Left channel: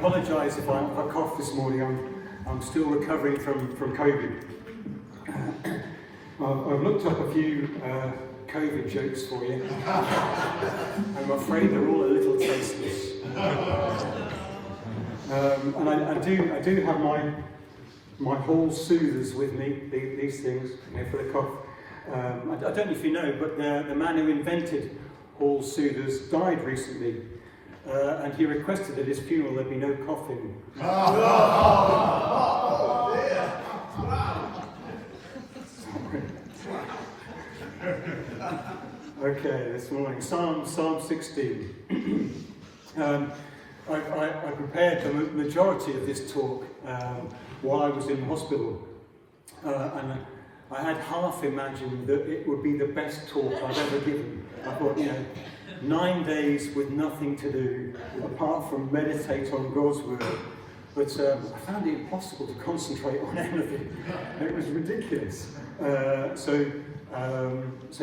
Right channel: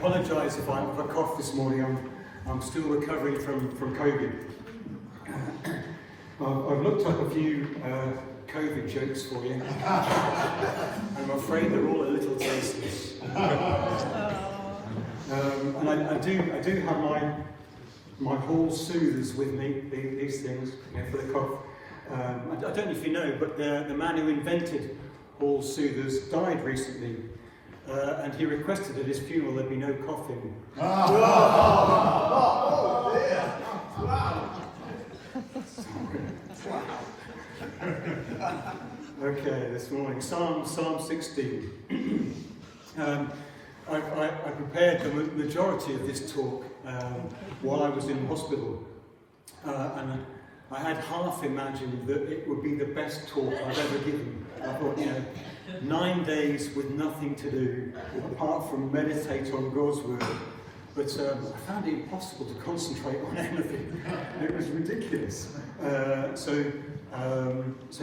apologise if I cough this morning. I'm still recovering from COVID. I've looked up a few COVID jokes for you. I'm afraid they're all a little tasteless. And I do have my hall soothers with me, these things, for the cough. I don't know if you know, but the man who invented hall soothers died recently, and he requested at his funeral there be no coughing. Okay, this morning, Psalm 16. I prepared the majority of this talk while I was in hospital, and I had half imagined that it would be the best talk I've ever given. I thought, 9 days with nothing to do apart from meditate on God's word. But I found it impossible to concentrate on anything. It was ridiculous. So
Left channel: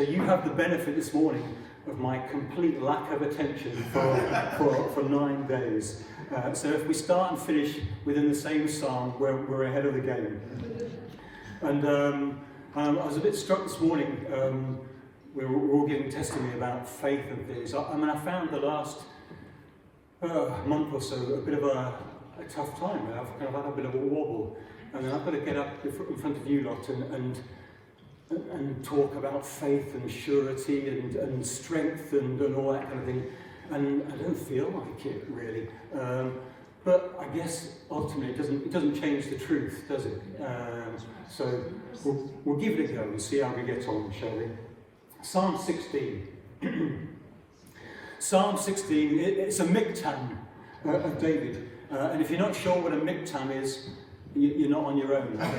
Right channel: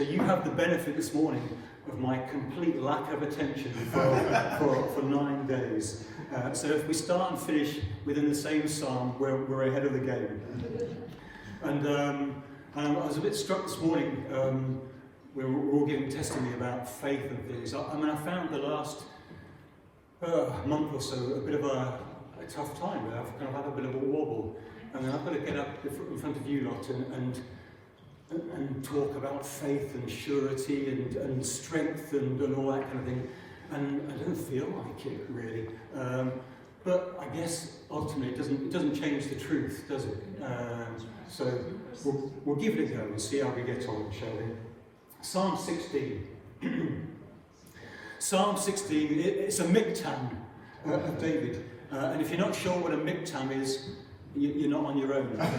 you have the benefit this morning of my complete lack of attention for 9 days. So if we start and finish within the same psalm, we're ahead of the game. And I was a bit struck this morning. We were all giving testimony about faith and things. I found the last month or so a bit of a tough time. I've kind of had a bit of a wobble, and then I've got to get up in front of you lot and talk about faith and surety and strength and all that kind of thing. And I don't feel like it really. But I guess ultimately it doesn't change the truth, does it? So we'll give it a go and see how we get on, shall we? Psalm 16. Psalm 16, it's a miktam of David. And if you're not sure what a miktam is, you're not on your own. I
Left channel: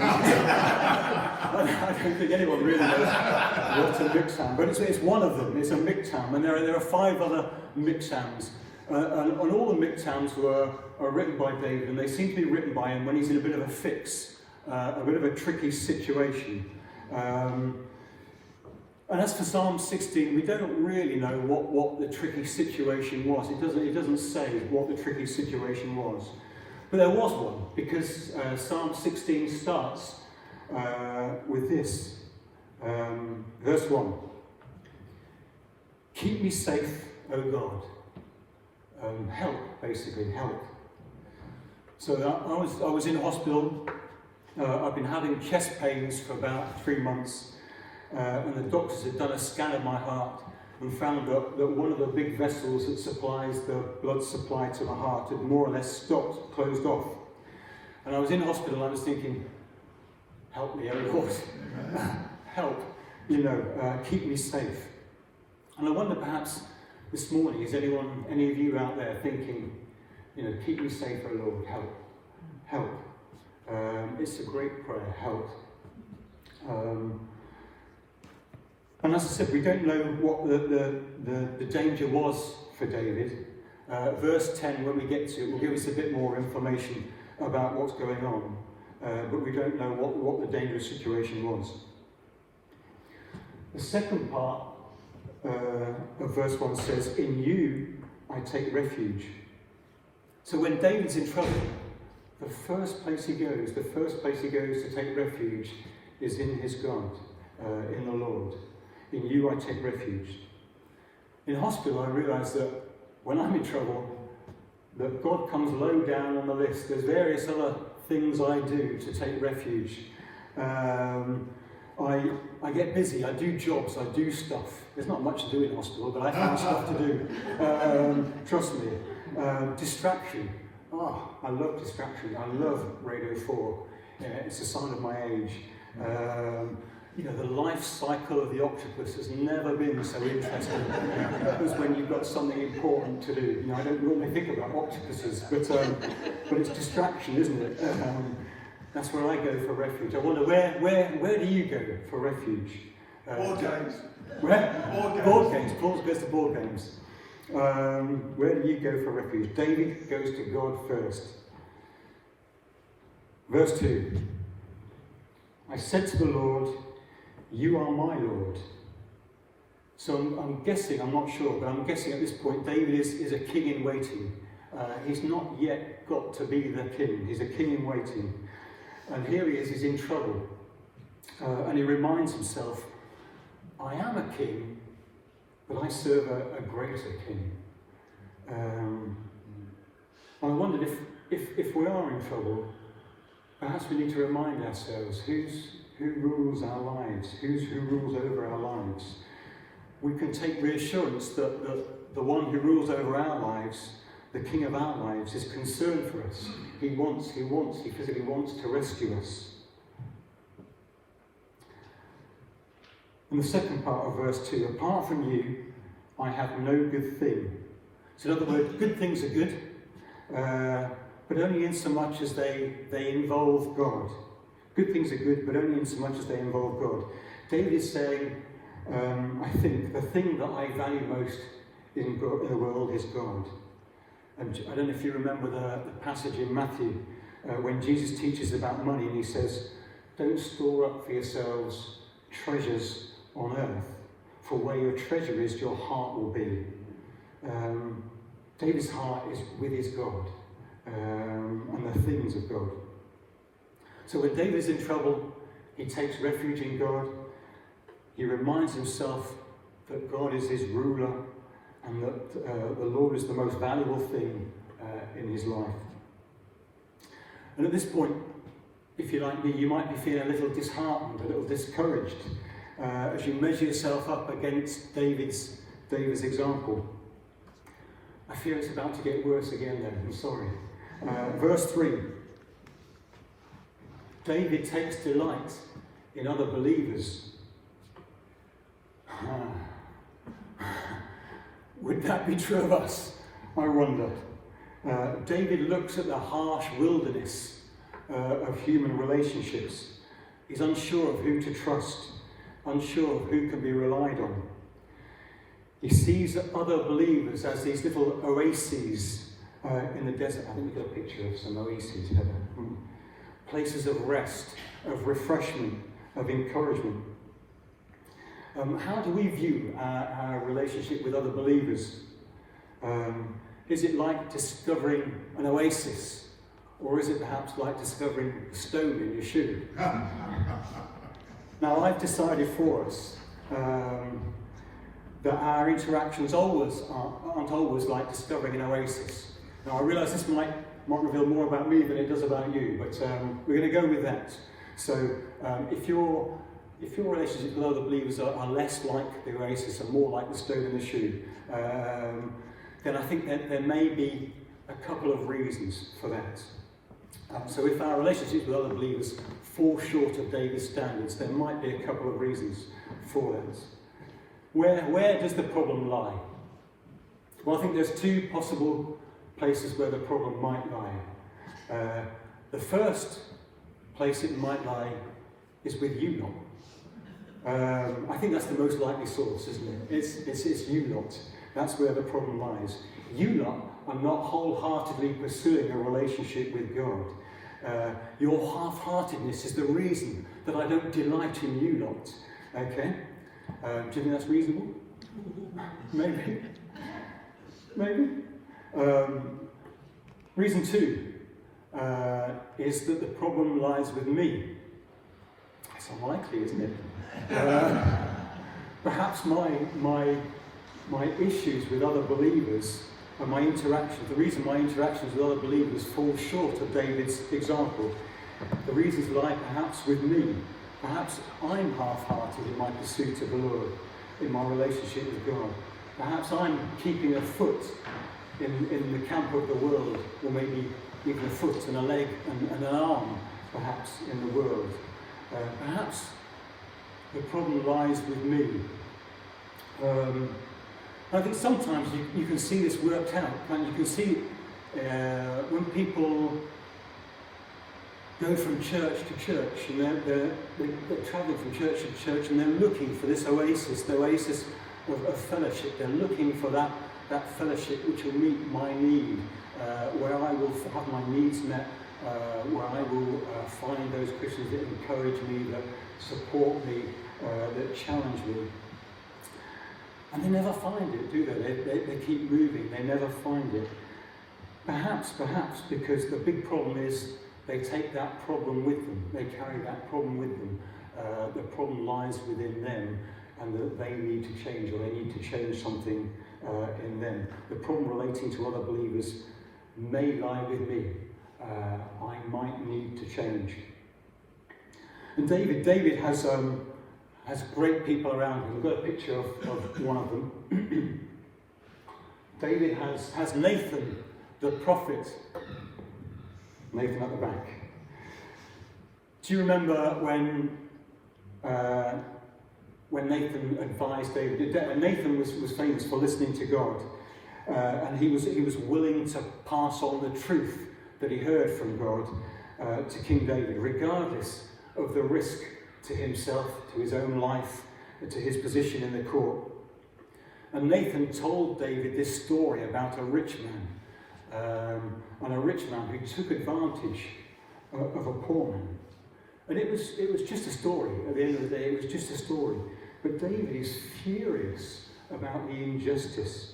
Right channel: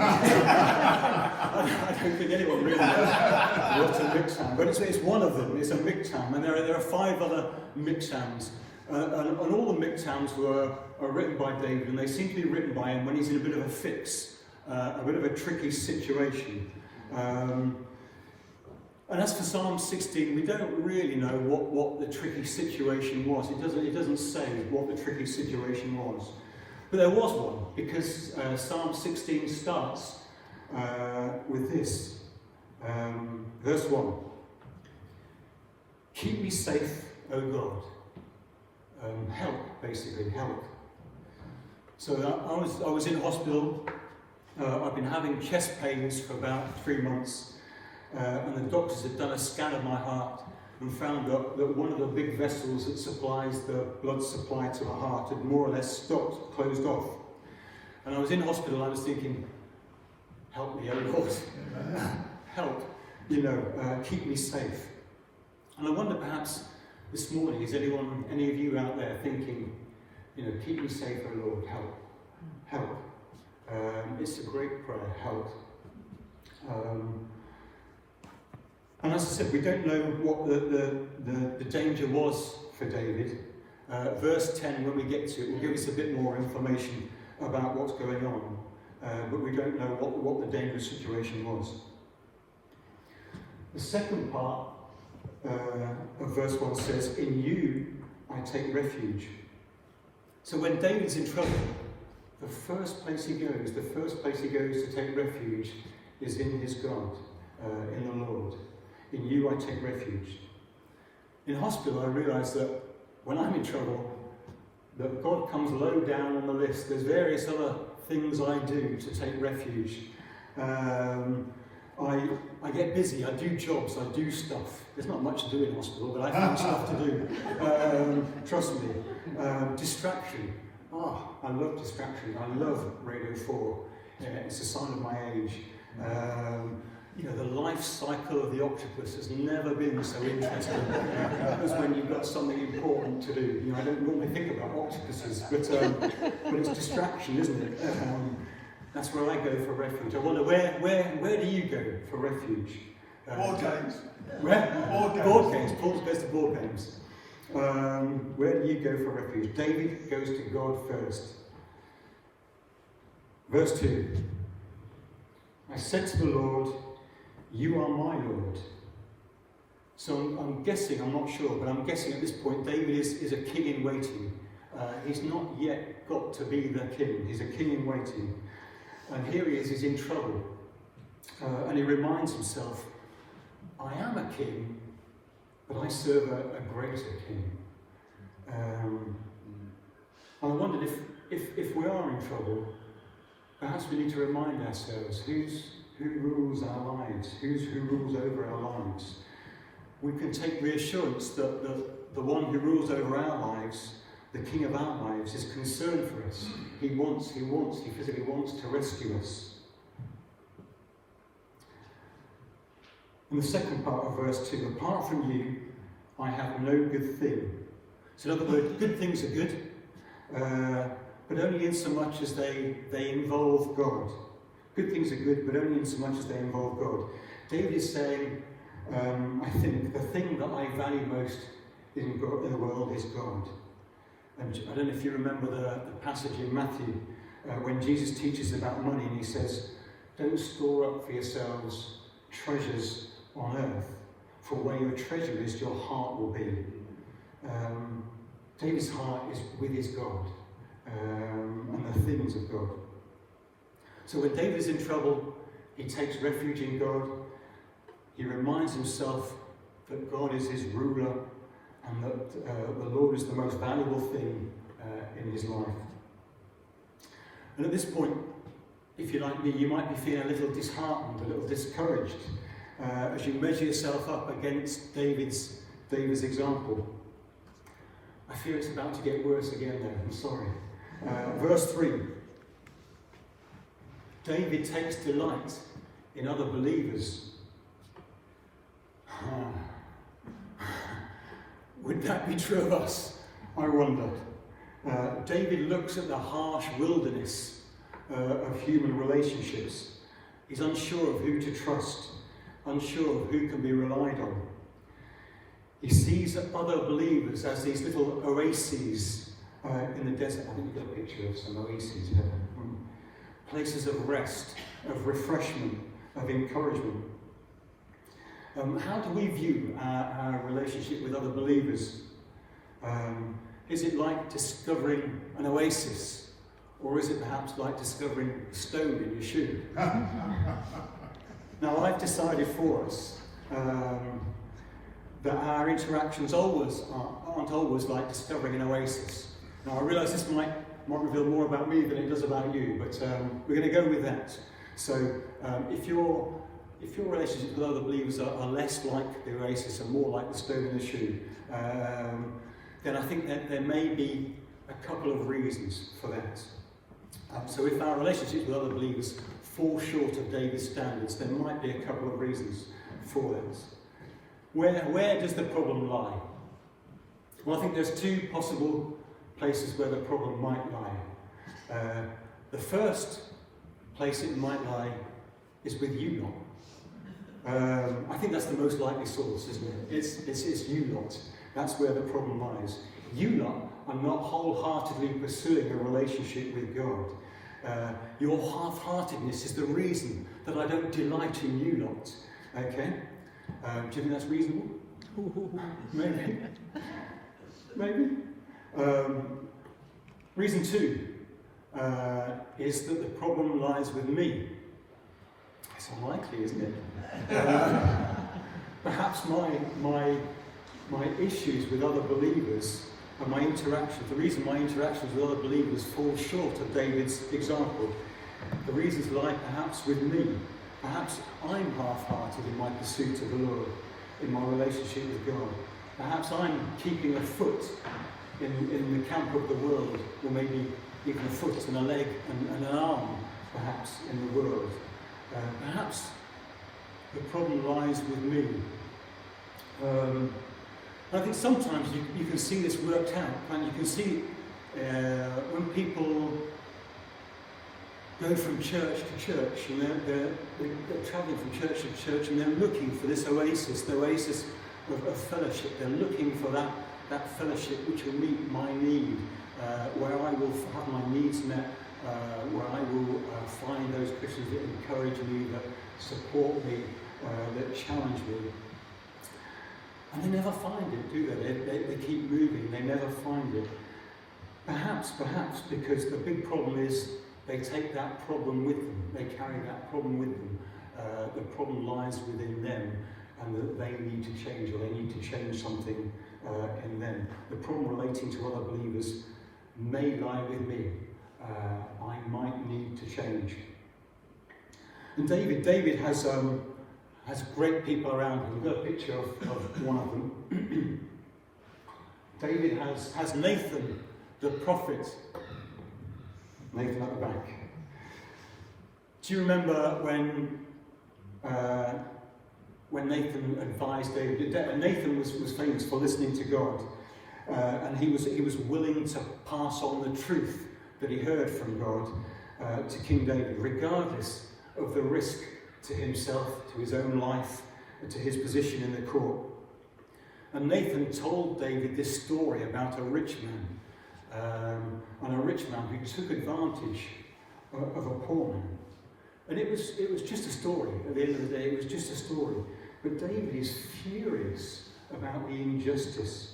don't think anyone really knows what a miktam, but it's one of them. It's a miktam, and there are 5 other miktams. And all the miktams are written by David, and they seem to be written by him when he's in a bit of a fix, a bit of a tricky situation. And as for Psalm 16, we don't really know what the tricky situation was. It doesn't say what the tricky situation was. But there was one, because Psalm 16 starts with this. Verse 1. Keep me safe, O God. Help, basically, help. So I was in hospital. I've been having chest pains for about 3 months. And the doctors had done a scan of my heart and found out that one of the big vessels that supplies the blood supply to the heart had more or less stopped, closed off. And I was in hospital, I was thinking, help me, oh Lord, help, keep me safe. And I wonder perhaps this morning, is any of you out there thinking, keep me safe, oh Lord, help. It's a great prayer, help. And as I said, we don't know what the danger was for David. Verse 10, when we get to it, will give us a bit more information about what's going on. But we don't know what the dangerous situation was. The second part of verse 1 says, in you I take refuge. So when David's in trouble, the first place he goes to take refuge is in his God, in the Lord. In you I take refuge. In hospital I realised that when I'm in trouble, that God comes low down on the list. There's various other things I do to take refuge. I get busy, I do jobs, I do stuff. There's not much to do in hospital, but I find stuff to do. Trust me. Distraction. Oh, I love distraction. I love Radio 4. It's a sign of my age. The life cycle of the octopus has never been so interesting as when you've got something important to do. I don't normally think about octopuses, but it's distraction, isn't it? That's where I go for refuge. I wonder, where do you go for refuge? Board games. Where? Board games. Paul goes to board games. Where do you go for refuge? David goes to God first. Verse 2. I said to the Lord, you are my Lord. So I'm guessing, I'm not sure, but I'm guessing at this point David is a king in waiting. He's not yet got to be the king. He's a king in waiting. And here he is, he's in trouble. And he reminds himself, I am a king, but I serve a greater king. And I wondered if we are in trouble, perhaps we need to remind ourselves who rules our lives, who rules over our lives. We can take reassurance that the one who rules over our lives, the king of our lives, is concerned for us. He physically wants to rescue us. In the second part of verse 2, apart from you, I have no good thing. So in other words, good things are good, but only in so much as they involve God. Good things are good, but only in so much as they involve God. David is saying, I think the thing that I value most in the world is God. And I don't know if you remember the passage in Matthew when Jesus teaches about money, and he says, don't store up for yourselves treasures on earth, for where your treasure is, your heart will be. David's heart is with his God and the things of God. So when David is in trouble, he takes refuge in God. He reminds himself that God is his ruler and that the Lord is the most valuable thing in his life. And at this point, if you're like me, you might be feeling a little disheartened, a little discouraged as you measure yourself up against David's example. I fear it's about to get worse again there, I'm sorry. Verse 3. David takes delight in other believers. Would that be true of us? I wonder. David looks at the harsh wilderness of human relationships. He's unsure of who to trust, unsure of who can be relied on. He sees other believers as these little oases in the desert. I think we've got a picture of some oases, yeah. Places of rest, of refreshment, of encouragement. How do we view our relationship with other believers? Is it like discovering an oasis, or is it perhaps like discovering a stone in your shoe? Now, I've decided for us that our interactions aren't always like discovering an oasis. Now, I realise this might reveal more about me than it does about you, but we're going to go with that. So, if your relationships with other believers are less like the oasis and more like the stone in the shoe, then I think that there may be a couple of reasons for that. So if our relationships with other believers fall short of David's standards, there might be a couple of reasons for that. Where does the problem lie? Well, I think there's two possible places where the problem might lie. The first place it might lie is with you lot. I think that's the most likely source, isn't it? It's you lot. That's where the problem lies. You lot are not wholeheartedly pursuing a relationship with God. Your half-heartedness is the reason that I don't delight in you lot. Okay? Do you think that's reasonable? Maybe. Maybe. Reason two is that the problem lies with me. It's unlikely, isn't it? Perhaps my issues with other believers and my interactions, the reason my interactions with other believers fall short of David's example, the reasons lie perhaps with me. Perhaps I'm half-hearted in my pursuit of the Lord, in my relationship with God. Perhaps I'm keeping a foot in the camp of the world, or maybe even a foot and a leg and an arm, perhaps, in the world. Perhaps the problem lies with me. I think sometimes you can see this worked out, and you can see when people go from church to church, and they're travelling from church to church, and they're looking for this oasis, the oasis of fellowship. They're looking for that fellowship which will meet my need, where I will have my needs met, where I will find those Christians that encourage me, that support me, that challenge me. And they never find it, do they? They keep moving, they never find it. Perhaps because the big problem is they take that problem with them. They carry that problem with them. The problem lies within them, and that they need to change, or they need to change something in them. The problem relating to other believers may lie with me. I might need to change. And David has great people around him. We've got a picture of one of them. David has Nathan, the prophet. Nathan at the back. Do you remember when Nathan advised David? Nathan was famous for listening to God, and he was willing to pass on the truth that he heard from God to King David, regardless of the risk to himself, to his own life, and to his position in the court. And Nathan told David this story about a rich man, and a rich man who took advantage of a poor man. And it was just a story. At the end of the day, it was just a story. But David is furious about the injustice.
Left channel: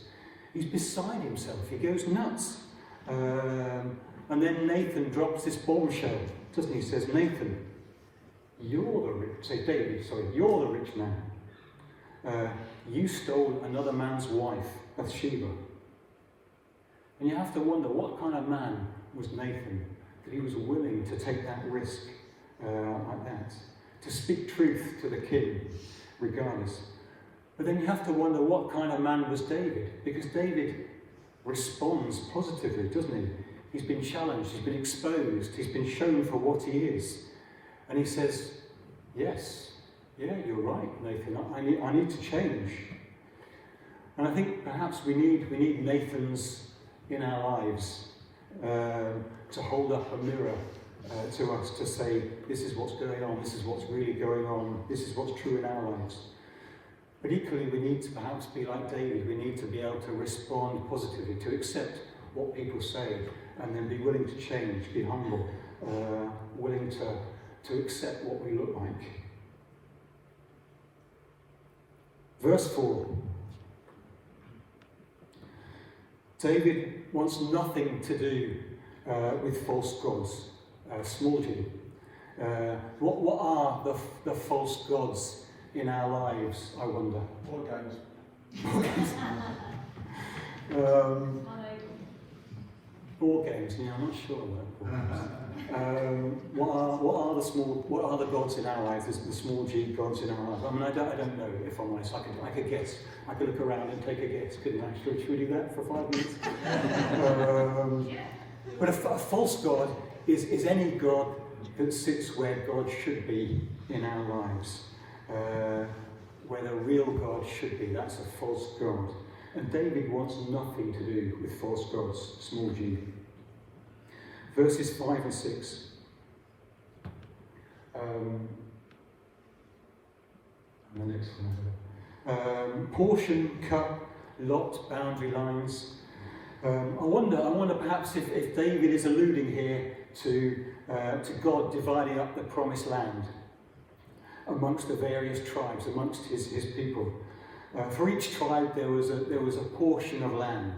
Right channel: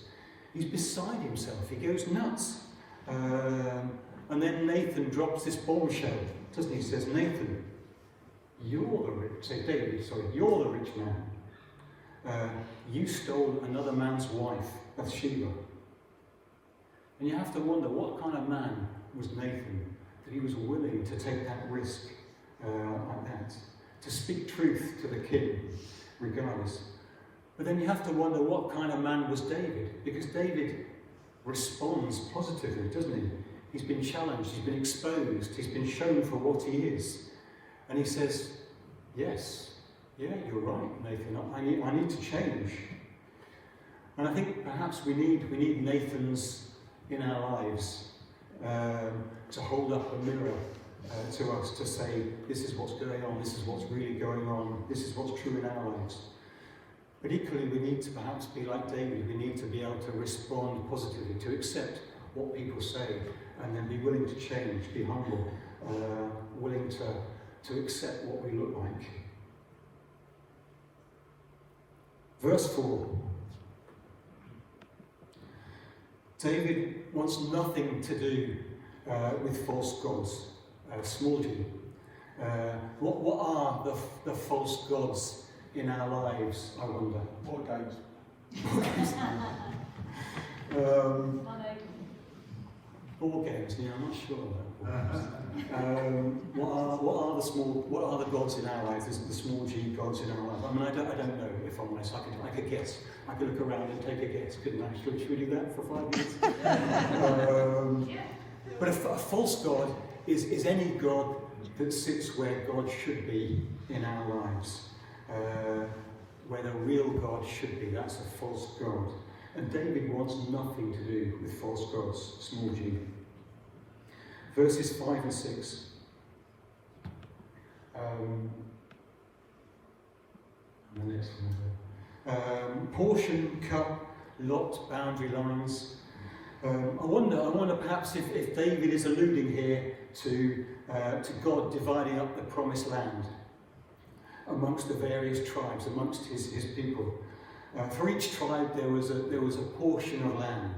He's beside himself. He goes nuts. And then Nathan drops this bombshell, doesn't he? He says, Nathan, you're the rich man. You stole another man's wife, Bathsheba. And you have to wonder, what kind of man was Nathan, that he was willing to take that risk like that, to speak truth to the king, regardless. But then you have to wonder, what kind of man was David? Because David responds positively, doesn't he? He's been challenged, he's been exposed, he's been shown for what he is. And he says, yes, yeah, you're right, Nathan, I need to change. And I think perhaps we need Nathans in our lives to hold up a mirror to us, to say, this is what's going on, this is what's really going on, this is what's true in our lives. But equally, we need to perhaps be like David. We need to be able to respond positively, to accept what people say, and then be willing to change, be humble, willing to accept what we look like. Verse 4. David wants nothing to do with false gods, small g. What are the false gods in our lives, I wonder? Board games. Board games, yeah, I'm not sure what are the gods in our lives, the small g gods in our lives? I mean, I don't know, if I'm honest. I could guess. I could look around and take a guess, couldn't I? Should we do that for 5 minutes? But a false god is any god that sits where God should be in our lives. Where the real God should be. That's a false god. And David wants nothing to do with false gods, small g. Verses 5 and 6. And the next one. Portion, cup, lot, boundary lines. I wonder perhaps if David is alluding here to God dividing up the promised land amongst the various tribes, amongst his people. For each tribe there was a portion of land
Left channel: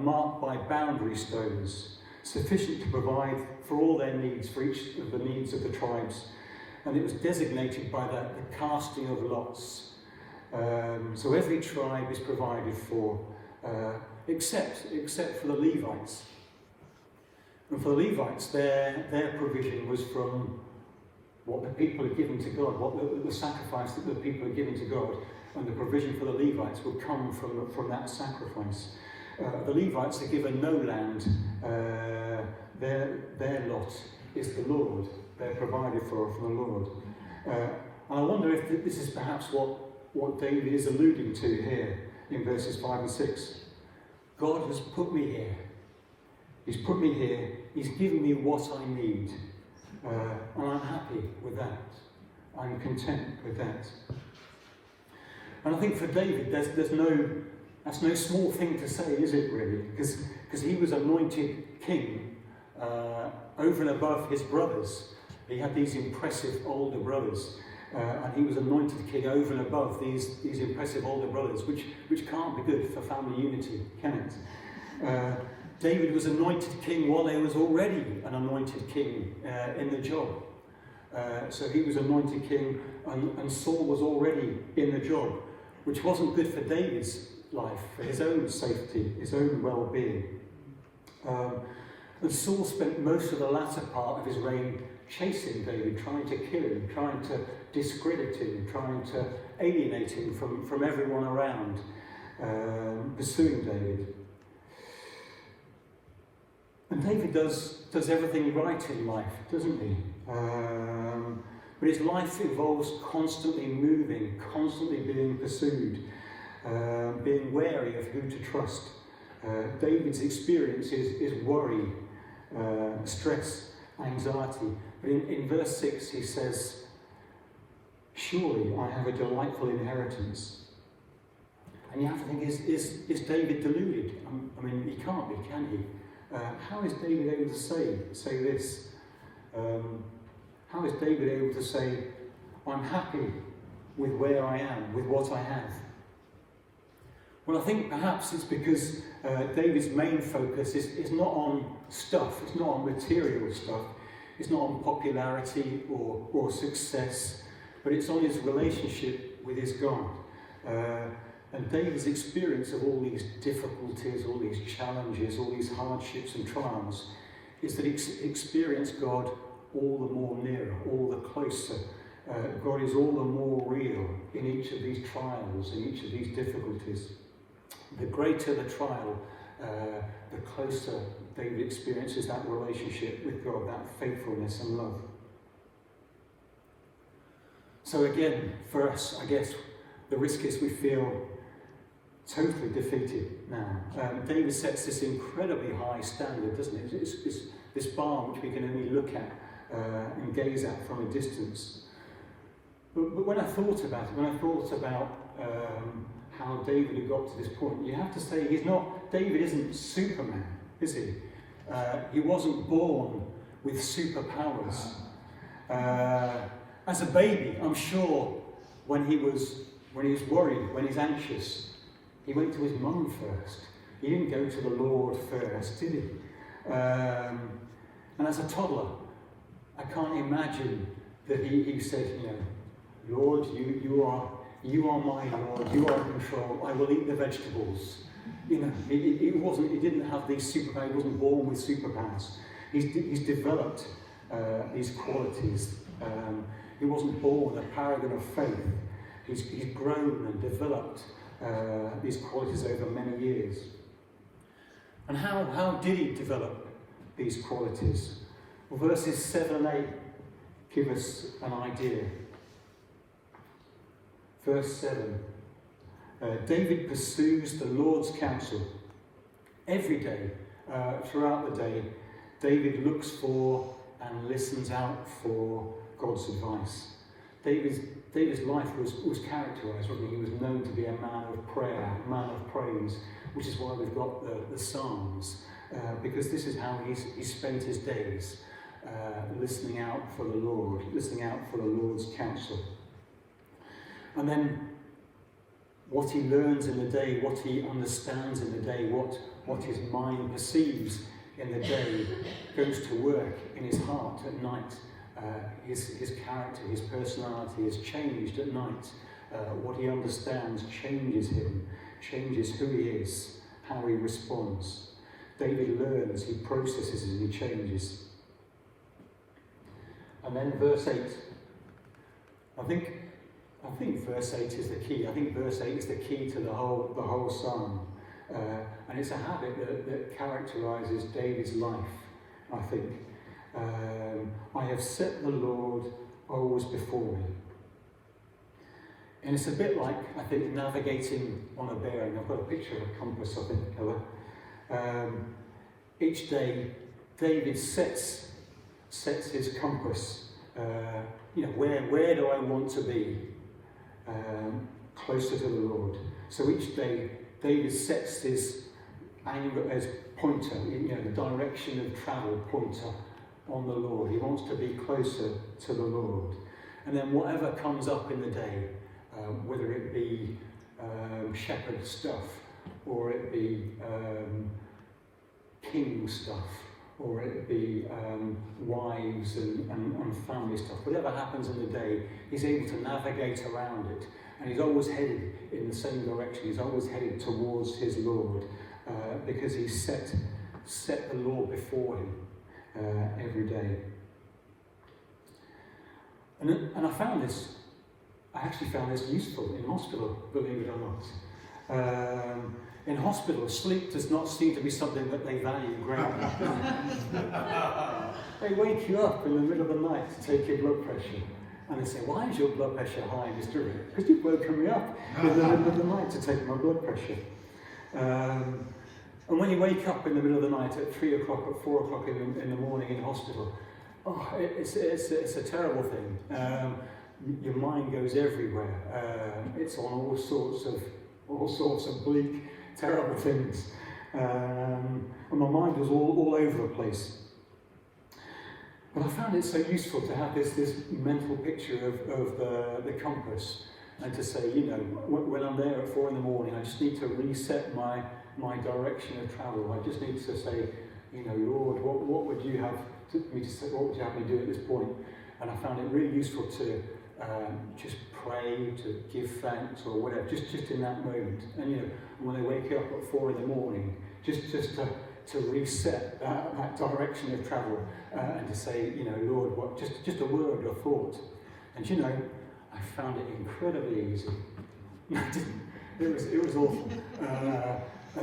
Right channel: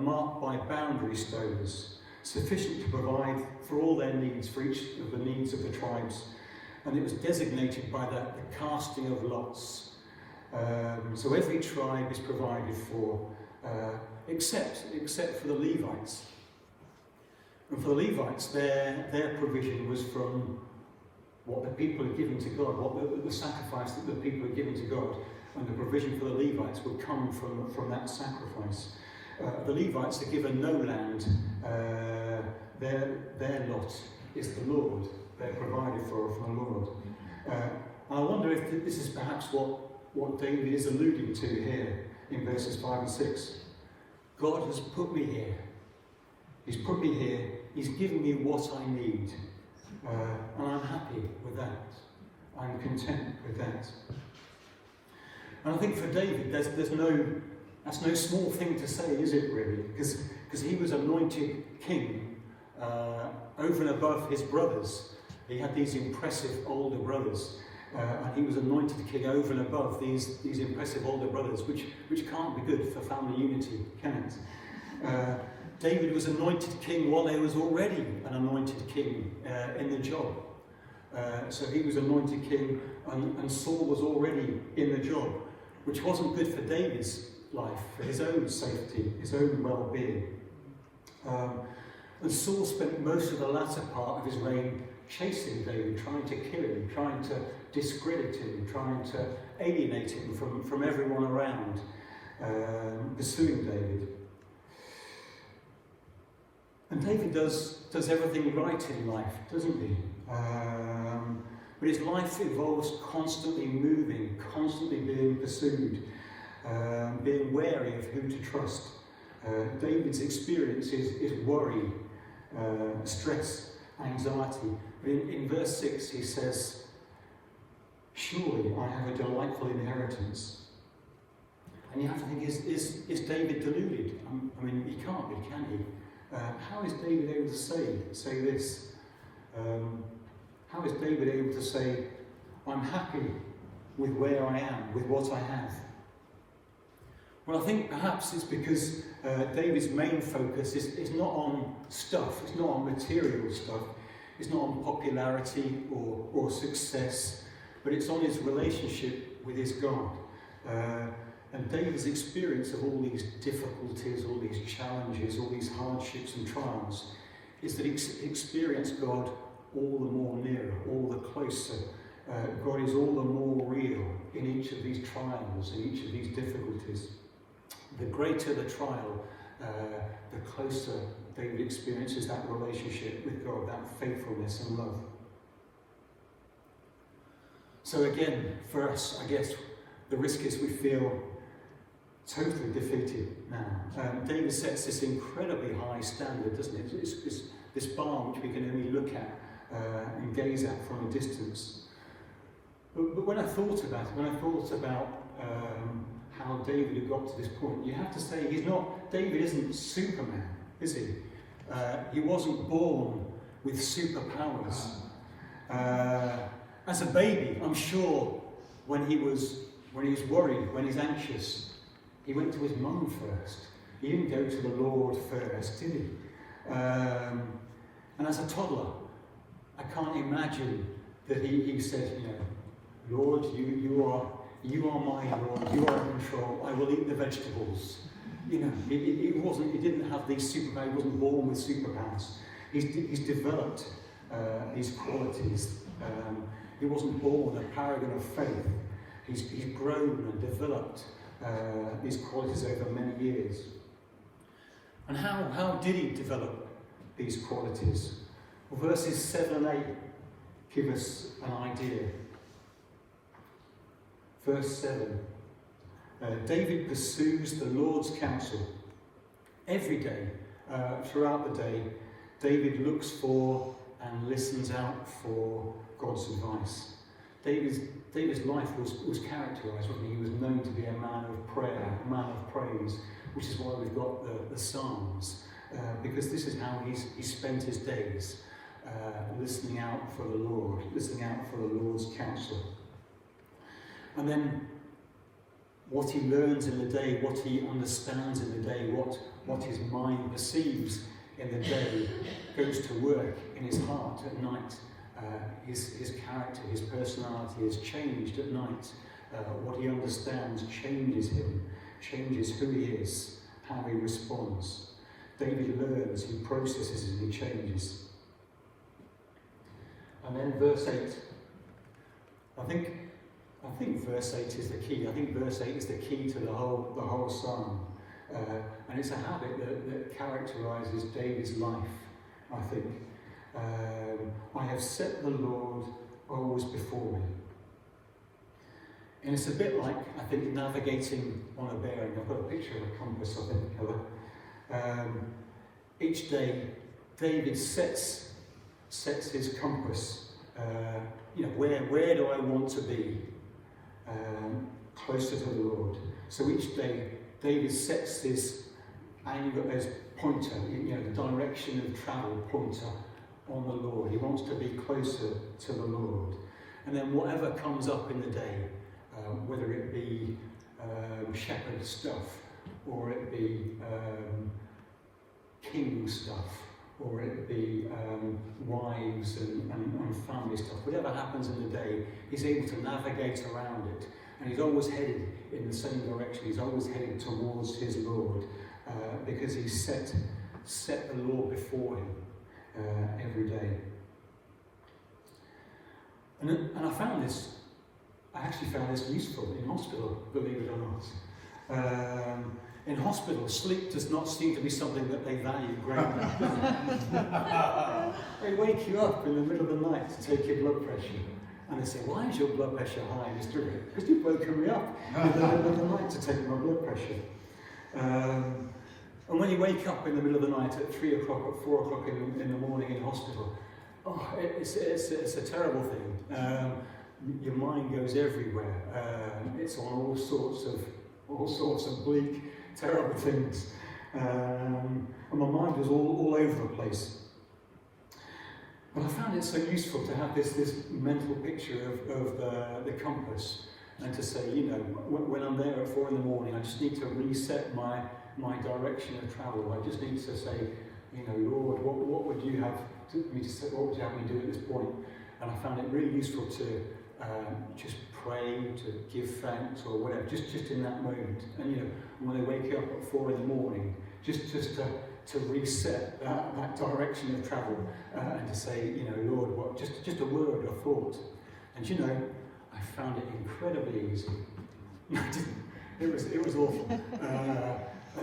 marked by boundary stones, sufficient to provide for all their needs, for each of the needs of the tribes. And it was designated by the casting of lots. So every tribe is provided for, except for the Levites. And for the Levites, their provision was from what the people had given to God, what the sacrifice that the people had given to God, and the provision for the Levites would come from that sacrifice. The Levites are given no land. Their lot is the Lord. They're provided for from the Lord. And I wonder if this is perhaps what David is alluding to here in verses 5 and 6. God has put me here. He's put me here. He's given me what I need. And I'm happy with that. I'm content with that. And I think for David, that's no small thing to say, is it really? Because he was anointed king over and above his brothers. He had these impressive older brothers, and he was anointed king over and above these impressive older brothers, which can't be good for family unity, can it? David was anointed king while there was already an anointed king in the job. So he was anointed king, and Saul was already in the job, which wasn't good for David's life, for his own safety, his own well-being. And Saul spent most of the latter part of his reign chasing David, trying to kill him, trying to discredit him, trying to alienate him from everyone around, pursuing David. And David does everything right in life, doesn't he? But his life involves constantly moving, constantly being pursued, being wary of who to trust. David's experience is worry, stress, anxiety. But in verse 6 he says, "Surely I have a delightful inheritance." And you have to think, is David deluded? I mean, he can't be, can he? How is David able to say this? How is David able to say, "I'm happy with where I am, with what I have"? Well, I think perhaps it's because David's main focus is not on stuff, it's not on material stuff, it's not on popularity or success, but it's on his relationship with his God. And David's experience of all these difficulties, all these challenges, all these hardships and trials, is that he experienced God all the more nearer, all the closer. God is all the more real in each of these trials, in each of these difficulties. The greater the trial, the closer David experiences that relationship with God, that faithfulness and love. So again, for us, I guess, the risk is we feel totally defeated now. David sets this incredibly high standard, doesn't it? It's this bar which we can only look at and gaze at from a distance. But when I thought about how David had got to this point, you have to say David isn't Superman, is he? He wasn't born with superpowers. As a baby, I'm sure when he was worried, when he's anxious, he went to his mum first. He didn't go to the Lord first, did he? And as a toddler, I can't imagine that he said, "Lord, you are my Lord, you are in control, I will eat the vegetables." He didn't have these superpowers, he wasn't born with superpowers. He's developed these qualities. He wasn't born a paragon of faith. He's grown and developed these qualities over many years. And how did he develop these qualities? Well, verses 7 and 8 give us an idea. Verse 7, David pursues the Lord's counsel. Every day, throughout the day, David looks for and listens out for God's advice. David's life was characterised, wasn't he? He was known to be a man of prayer, a man of praise, which is why we've got the Psalms, because this is how he spent his days, listening out for the Lord, listening out for the Lord's counsel. And then what he learns in the day, what he understands in the day, what his mind perceives in the day, goes to work in his heart at night. His character, his personality is changed at night. What he understands changes him, changes who he is, how he responds. David learns, he processes, and he changes. And then verse 8. I think verse 8 is the key. I think verse 8 is the key to the whole psalm. And it's a habit that characterises David's life, I think. I have set the Lord always before me. And it's a bit like, I think, navigating on a bearing. I've got a picture of a compass, I think. Each day, David sets his compass. Where do I want to be? Closer to the Lord. So each day, David sets his angle as pointer, the direction of travel pointer on the Lord. He wants to be closer to the Lord. And then whatever comes up in the day, whether it be shepherd stuff, or it be king stuff, or it'd be wives and family stuff. Whatever happens in the day, he's able to navigate around it. And he's always headed in the same direction. He's always headed towards his Lord, because he's set the Lord before him every day. And I actually found this useful in hospital, believe it or not. In hospital, sleep does not seem to be something that they value greatly. They wake you up in the middle of the night to take your blood pressure. And they say, why is your blood pressure high, Mr. Rick? Because you've woken me up in the middle of the night to take my blood pressure. And when you wake up in the middle of the night at 3 o'clock, at 4 o'clock in the morning in hospital, it's a terrible thing. Your mind goes everywhere. It's on all sorts of bleak, terrible things. And my mind was all over the place. But I found it so useful to have this mental picture of the compass, and to say, you know, when I'm there at 4 in the morning, I just need to reset my direction of travel. I just need to say, you know, Lord, what would you have me to say? What would you have me do at this point? And I found it really useful to just pray, to give thanks, or whatever, just in that moment. And you know, when I wake up at 4 in the morning, just to reset that direction of travel, and to say, you know, Lord, just a word, a thought. And you know, I found it incredibly easy. I didn't. It was awful.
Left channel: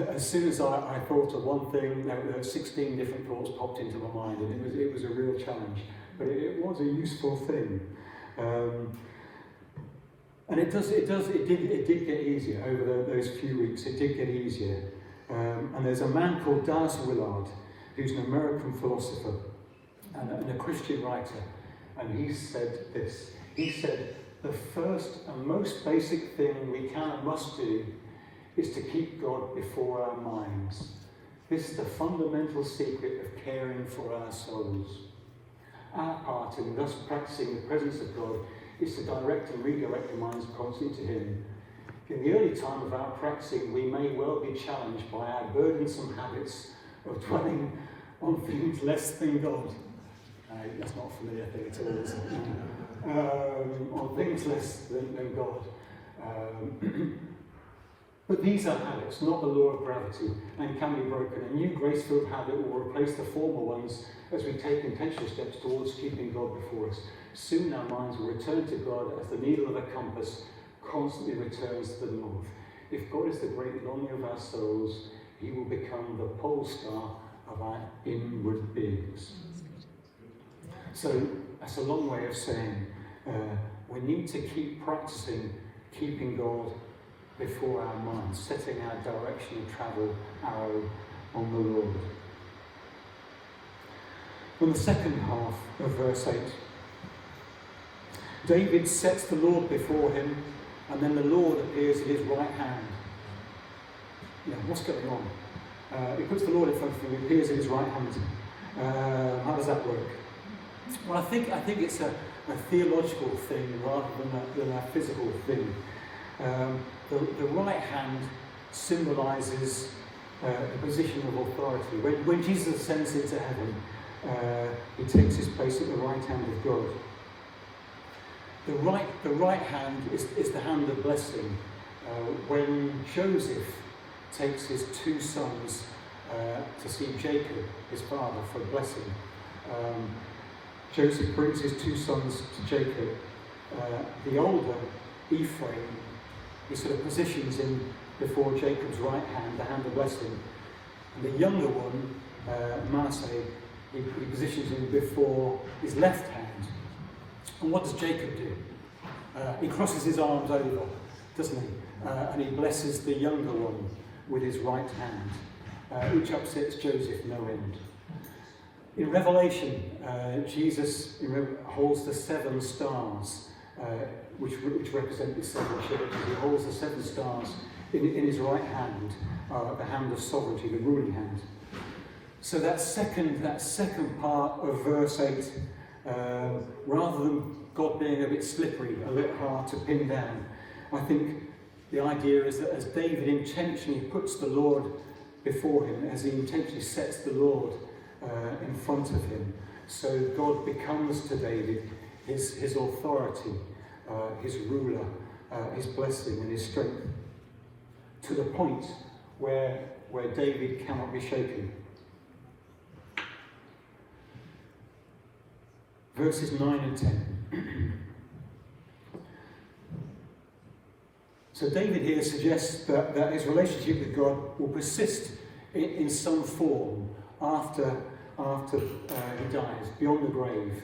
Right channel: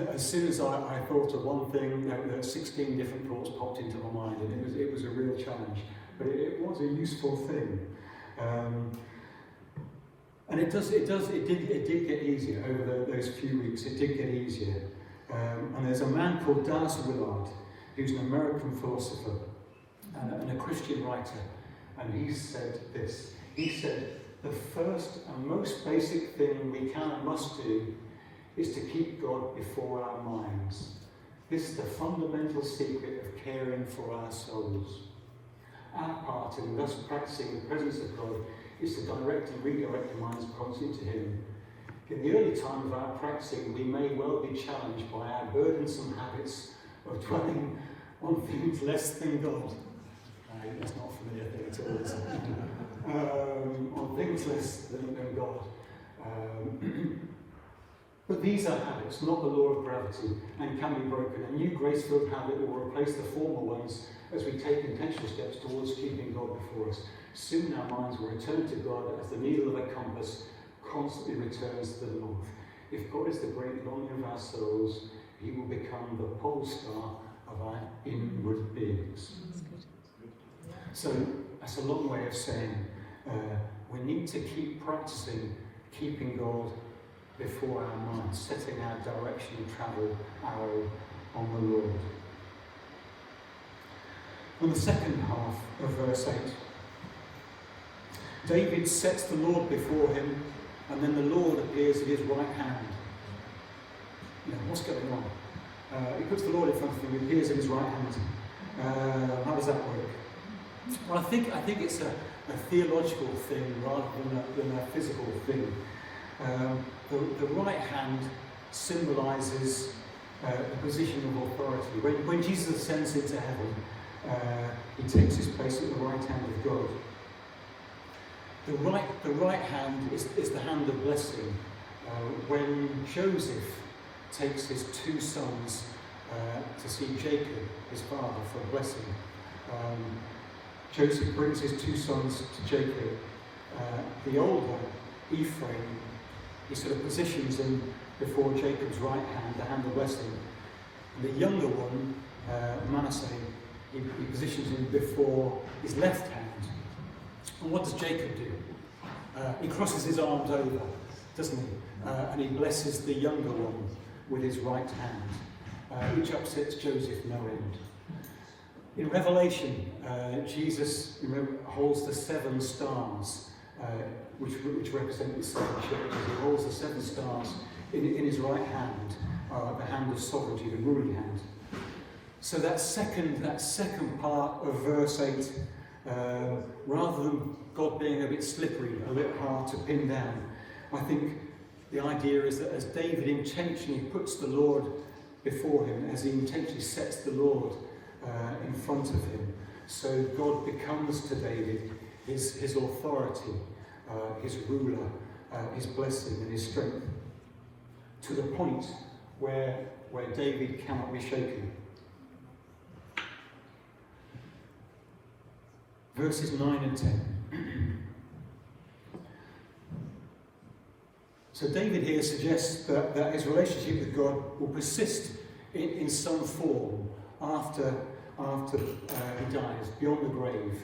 As soon as I thought of one thing, there were 16 different thoughts popped into my mind, and it was a real challenge. But it was a useful thing. And it did get easier over those few weeks. It did get easier. And there's a man called Dallas Willard, who's an American philosopher and a Christian writer, and he said this. He said, the first and most basic thing we can and must do is to keep God before our minds. This is the fundamental secret of caring for our souls. Our part in thus practicing the presence of God is to direct and redirect the minds constantly to Him. In the early time of our practicing, we may well be challenged by our burdensome habits of dwelling on things less than God. That's not a familiar thing at all, is it? On things less than God. But these are habits, not the law of gravity, and can be broken. A new grace-filled habit will replace the former ones as we take intentional steps towards keeping God before us. Soon our minds will return to God as the needle of a compass constantly returns to the north. If God is the great longing of our souls, He will become the pole star of our inward beings. So that's a long way of saying we need to keep practicing keeping God before our minds, setting our direction and travel arrow on the Lord. In the second half of verse 8, David sets the Lord before him, and then the Lord appears at his right hand. Now, what's going on? He puts the Lord in front of him, he appears at his right hand. How does that work? Well, I think it's a theological thing rather than a physical thing. The right hand symbolises a position of authority. When Jesus ascends into heaven, he takes his place at the right hand of God. The right hand is the hand of blessing. When Joseph takes his 2 sons to see Jacob, his father, for blessing, Joseph brings his 2 sons to Jacob. The older, Ephraim, he sort of positions him before Jacob's right hand, the hand of blessing. And the younger one, Manasseh, he positions him before his left hand. And what does Jacob do? He crosses his arms over, doesn't he? And he blesses the younger one with his right hand, which upsets Joseph no end. In Revelation, Jesus holds the 7 stars, which represent the 7 churches. He holds the 7 stars in his right hand, the hand of sovereignty, the ruling hand. So that second part of verse 8, rather than God being a bit slippery, a bit hard to pin down, I think the idea is that as David intentionally puts the Lord before him as he intentionally sets the Lord in front of him. So God becomes to David his authority, his ruler, his blessing and his strength, to the point where David cannot be shaken. Verses 9 and 10. So David here suggests that his relationship with God will persist in some form after he dies, beyond the grave.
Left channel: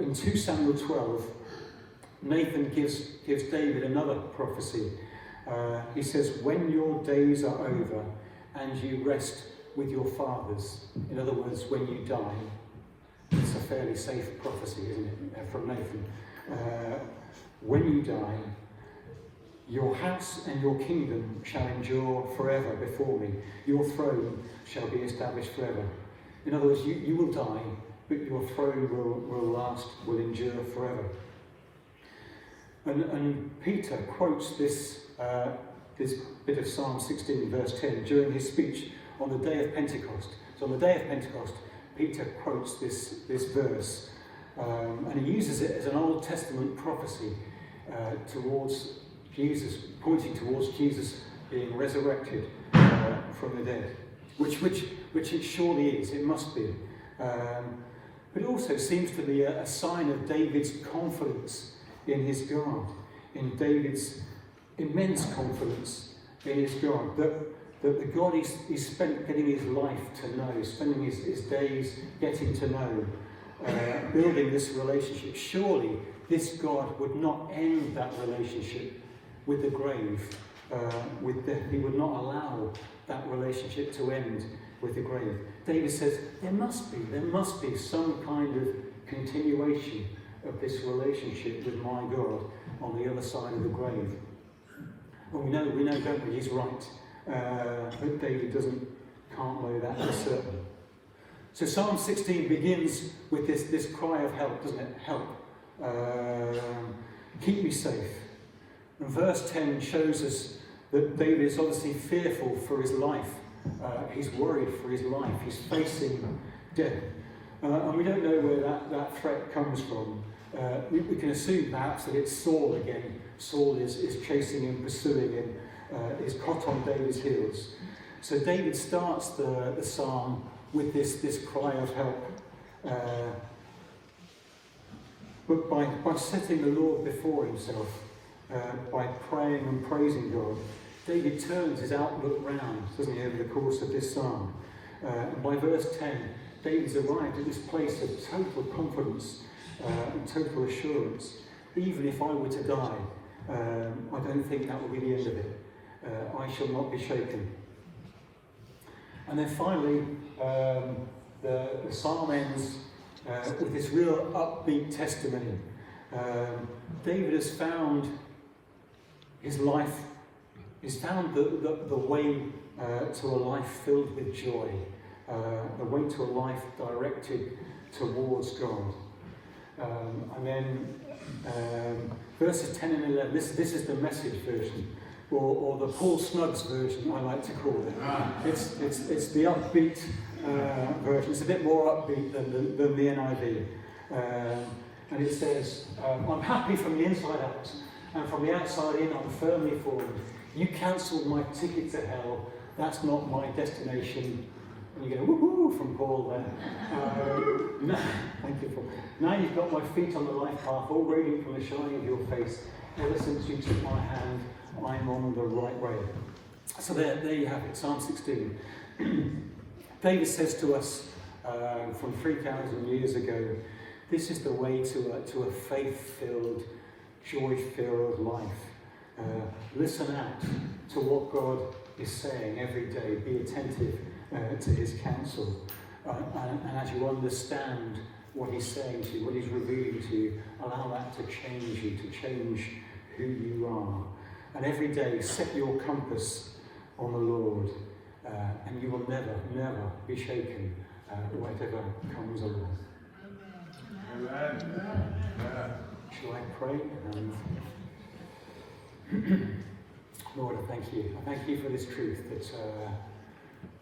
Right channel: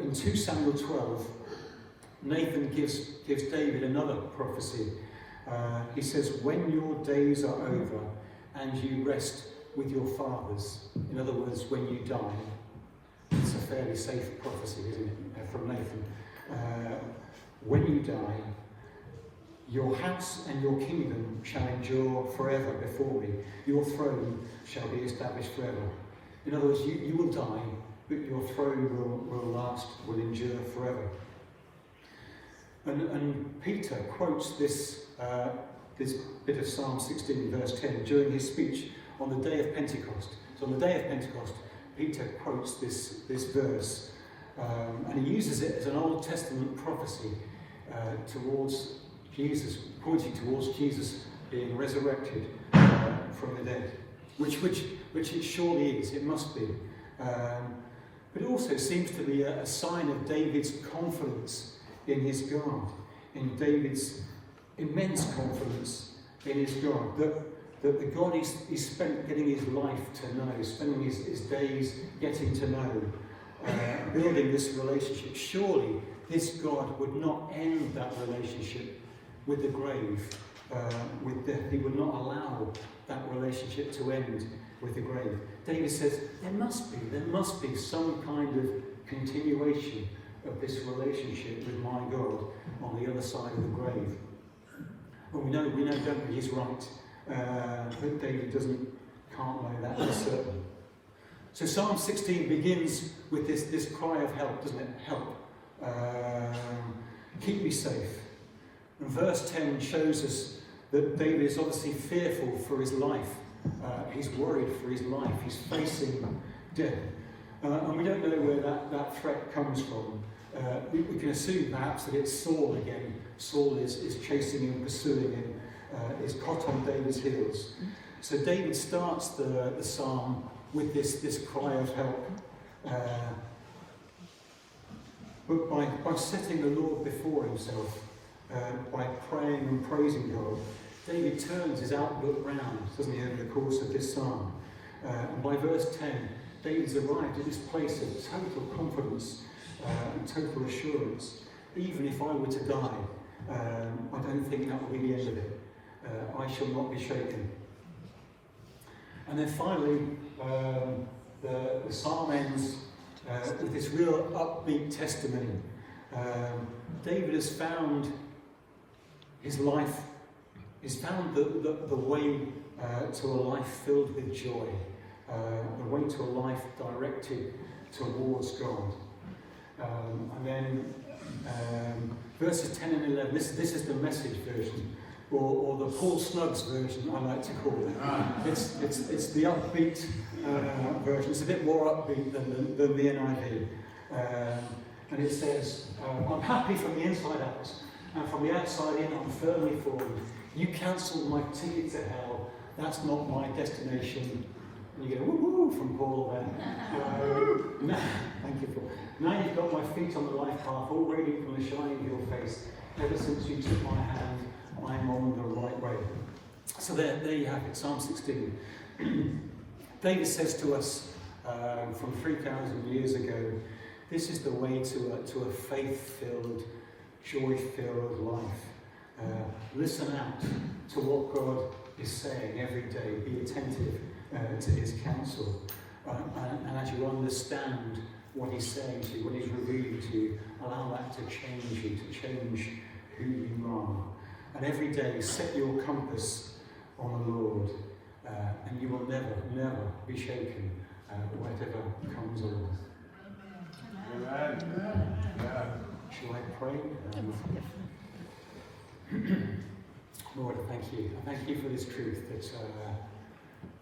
In 2 Samuel 12, Nathan gives David another prophecy. He says, when your days are over and you rest with your fathers, in other words, when you die, it's a fairly safe prophecy, isn't it, from Nathan. When you die, your house and your kingdom shall endure forever before me. Your throne shall be established forever. In other words, you will die, but your throne will last, will endure forever. And Peter quotes this bit of Psalm 16, verse 10, during his speech on the day of Pentecost. So on the day of Pentecost, Peter quotes this verse, and he uses it as an Old Testament prophecy towards Jesus, pointing towards Jesus being resurrected from the dead, which it surely is, it must be. But it also seems to be a sign of David's confidence in his God, in David's immense confidence in his God, that the God he's spent getting his life to know, spending his days getting to know, building this relationship. Surely this God would not end that relationship with the grave, with death. He would not allow that relationship to end with the grave. David says there must be some kind of continuation of this relationship with my God on the other side of the grave. Well, we know, don't we? He's right. But David can't know that for certain. So Psalm 16 begins with this cry of help, doesn't it? Help. Keep me safe. And verse 10 shows us that David is obviously fearful for his life. He's worried for his life. He's facing death. And we don't know where that threat comes from. We can assume perhaps that it's Saul again. Saul is chasing him, pursuing him, is hot on David's heels. So David starts the psalm with this cry of help. But by setting the Lord before himself, by praying and praising God, David turns his outlook round, doesn't he, over the course of this psalm. And by verse 10, David's arrived at this place of total confidence and total assurance. Even if I were to die, I don't think that will be the end of it. I shall not be shaken. And then finally, the psalm ends with this real upbeat testimony. David has found his life, he's found the way to a life filled with joy, the way to a life directed towards God. And then verses 10 and 11, this is the Message version, or the Paul Snuggs version, I like to call it. It's the upbeat version. It's a bit more upbeat than the NIV. And it says, I'm happy from the inside out, and from the outside in, I'm firmly formed. You cancelled my ticket to hell. That's not my destination. And you go, woohoo, from Paul there. No, thank you, Paul. Now you've got my feet on the life path, all radiant from the shining of your face. Ever since you took my hand, I'm on the right way. So there you have it, Psalm 16. David says to us from 3,000 years ago, this is the way to a faith-filled, joy-filled life. Listen out to what God is saying every day. Be attentive to his counsel. And as you understand what he's saying to you, what he's revealing to you, allow that to change you, to change who you are. And every day, set your compass on the Lord, and you will never, never be shaken, whatever comes along. Amen. Shall I pray? Lord, I thank you. I thank you for this truth that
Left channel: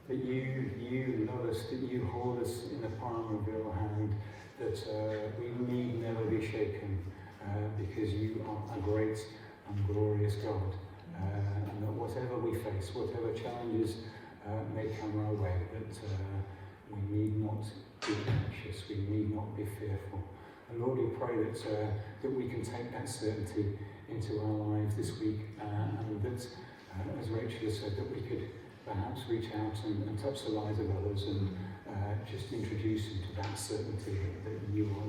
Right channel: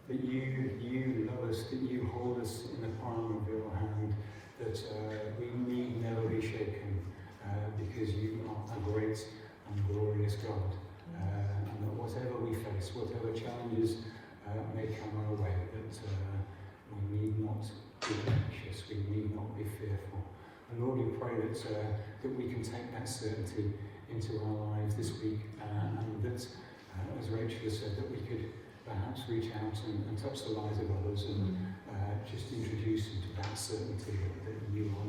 that you love us, that you hold us in the palm of your hand, that we need never be shaken, because you are a great and glorious God. And that whatever we face, whatever challenges may come our way, that we need not be anxious, we need not be fearful. And Lord, we pray that we can take that certainty into our lives this week, and that, as Rachel has said, that we could perhaps reach out and touch the lives of others and just introduce them to that certainty that you are